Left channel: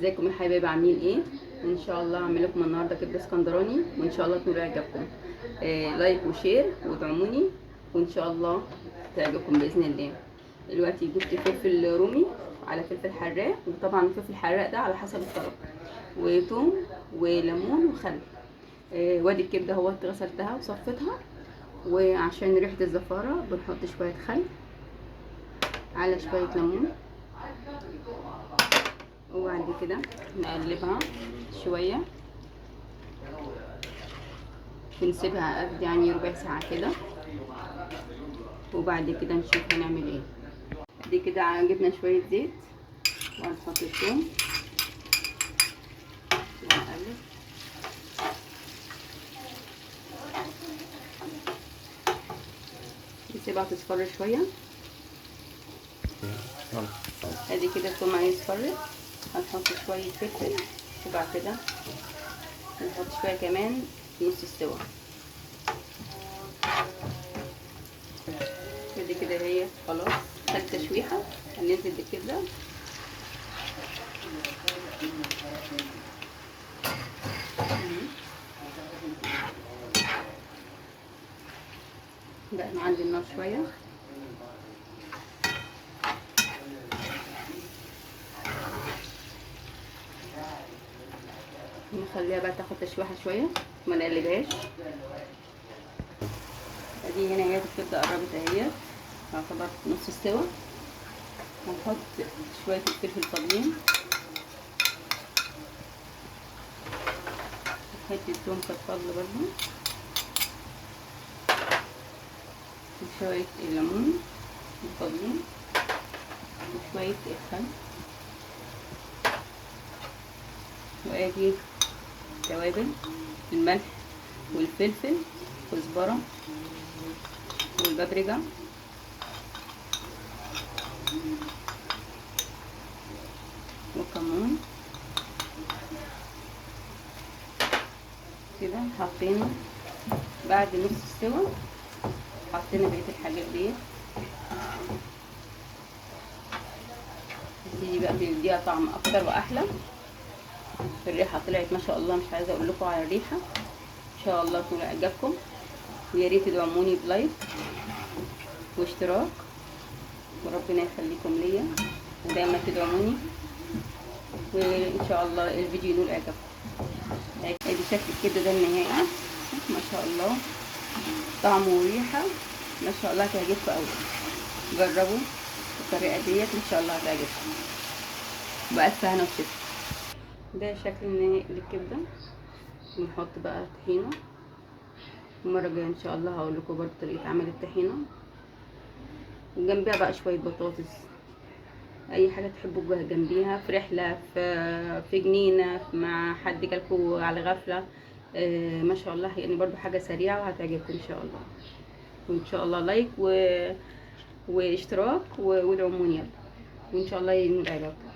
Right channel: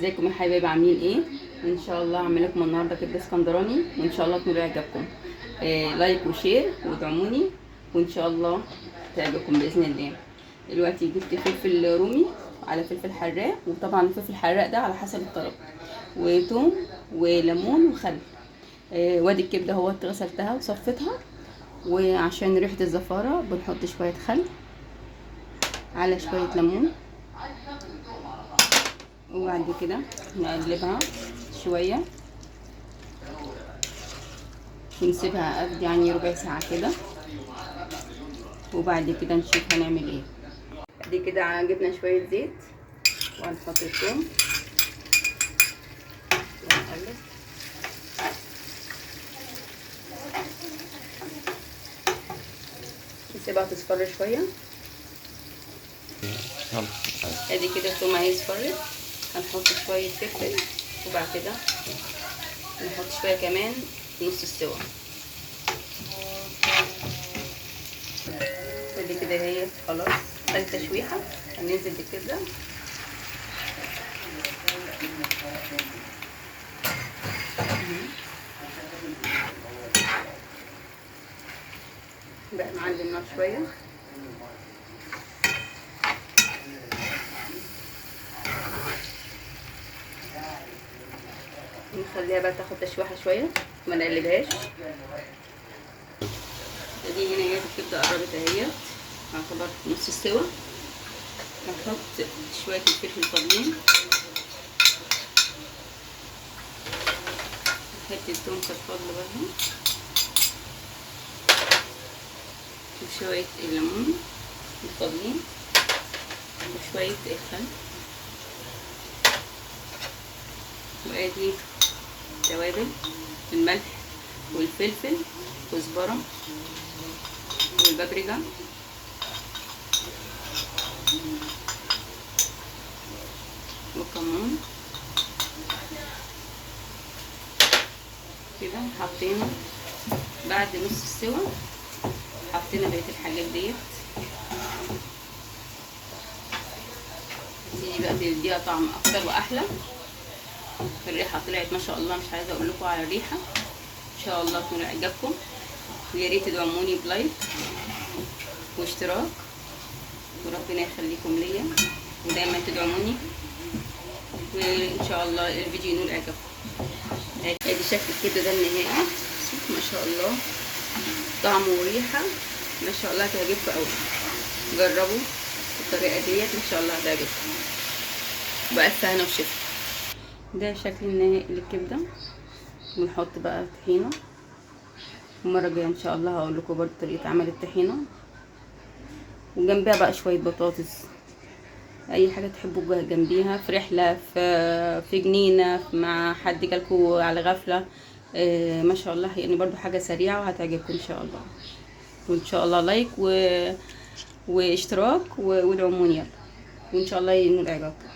ازيكم يا حبايبي، عاملين ايه؟ ان شاء الله هعمل لكم النهارده كبده اسكندراني وان شاء الله تكون يعجبكم. لايك وشير وادعموني وان شاء الله تعجبكم باذن الله. دلوقتي جبت فلفل رومي على فلفل حراق، وطبعا الفلفل الحراق ده على حسب الطلب، وتوم وليمون وخل. وادي الكبده اهوت غسلتها وصفتها، وعشان ريحه الزفاره بنحط شويه خل على شويه ليمون، وبعد كده نقلبها شوية ونسيبها قد يعني ربع ساعة كده، وبعد كده نشوف هنعمل ايه. دي كده جبنا شوية زيت وهنحط الثوم ونقلب. نسيبها تصفر شوية. ادي كده الثوم هيصفر، هنحط شوية فلفل وبعد كده نحط شوية كمان نص السوا. ادي كده هي خلاص خدت تشويحة، هننزل بالكبدة. بقى نعلي النار شوية نخليها بقى تاخد تشويحة شوية، ما نقلبهاش. ادي هنا هي الكبدة قربت اهي، هنخليها نص السوا. هنحط شوية الفلفل الطبيعي، حتة توم كفار برضه، وشوية الليمون الطبيعي، وشوية الخل، وادي توابل الملح والفلفل كزبرة والبابريكا والكمون. كده حطينا بعد نص السوا، حطينا بقية الحاجات ديت. دي بقى تديها طعم اكتر واحلى. الريحه طلعت ما شاء الله، مش عايزه اقول لكم على الريحه. ان شاء الله تكون عجبكم، ويا ريت تدعموني بلايك واشتراك، وربنا يخليكم ليا ودايما تدعموني، وان شاء الله الفيديو ينول اعجابكم. ادي شكل الكبده ده النهائي، ما شاء الله طعم وريحه ما شاء الله هتعجبكم قوي. جربوا الطريقه ديت ان شاء الله هتعجبكم، بألف هنا وشفا. ده شكل النهائي للكبده. ونحط بقى طحينه، المره الجايه ان شاء الله هقول لكم برضه طريقه عمل الطحينه، وجنبها بقى شويه بطاطس، اي حاجه تحبوا جنبيها، في رحله، في جنينه، مع حد جالكوا على غفله. ما شاء الله يعني برضو حاجه سريعه وهتعجبكم ان شاء الله. وان شاء الله لايك واشتراك وادعموني يلا، وان شاء الله ينول اعجابكم.